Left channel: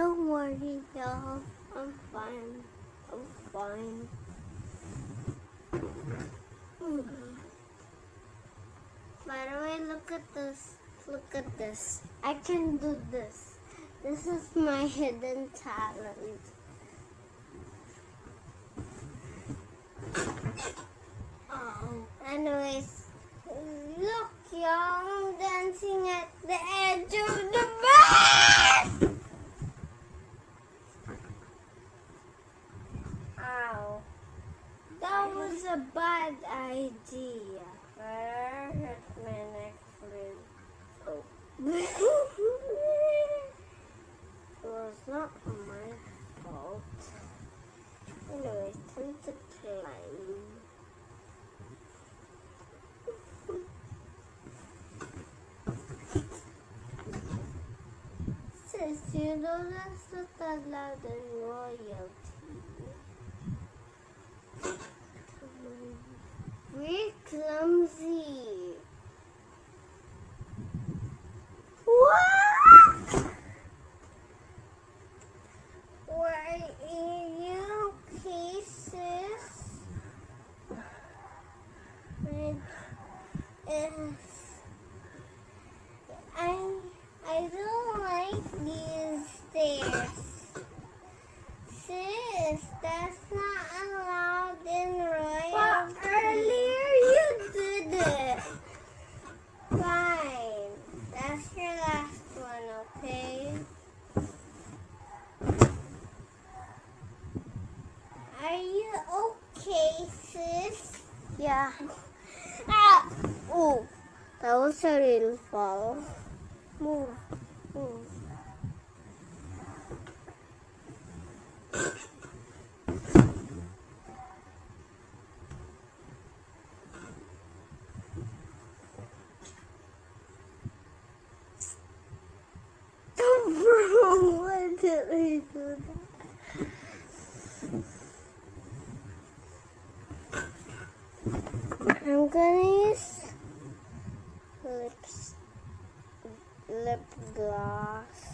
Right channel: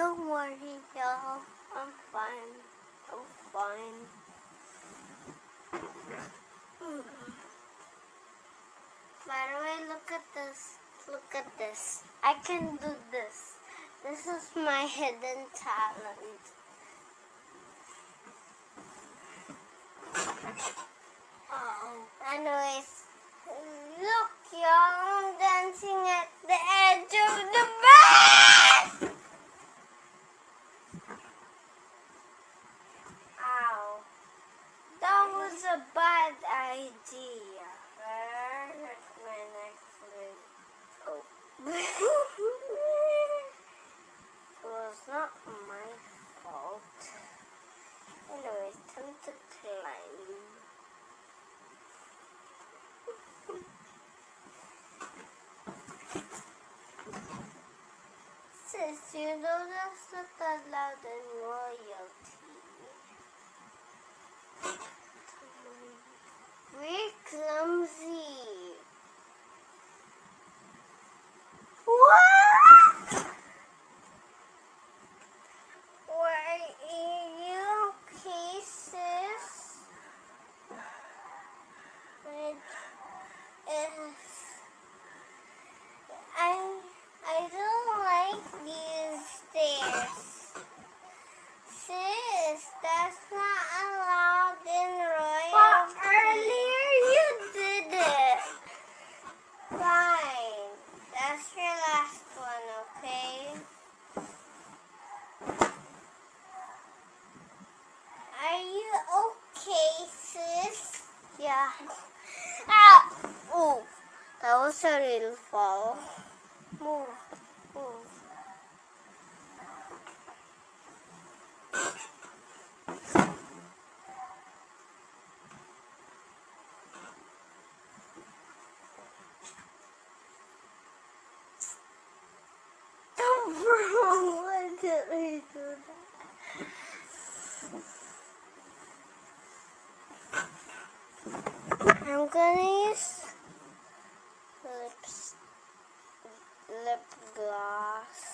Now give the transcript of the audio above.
Don't worry, y'all. I'm fine. I'm fine. By the way, look at this. Look at this. I can do this. This is my hidden talent. Oh. Anyways, look, y'all. I'm dancing at the edge of the bed. Ow. That was a bad idea. Where is my next flute? Oh. It was not my fault. Anyways, time to climb. Sis, you know that's not allowed in royalty. We're clumsy. What? Were you cases with I don't like these stairs. Sis, that's not allowed in royalty. But earlier you did it. Fine. That's your last one, okay? Are you okay, sis? Yeah. Ah! Ooh, that was a real fall. Move. Move. Why did we do that? I'm gonna use lip gloss.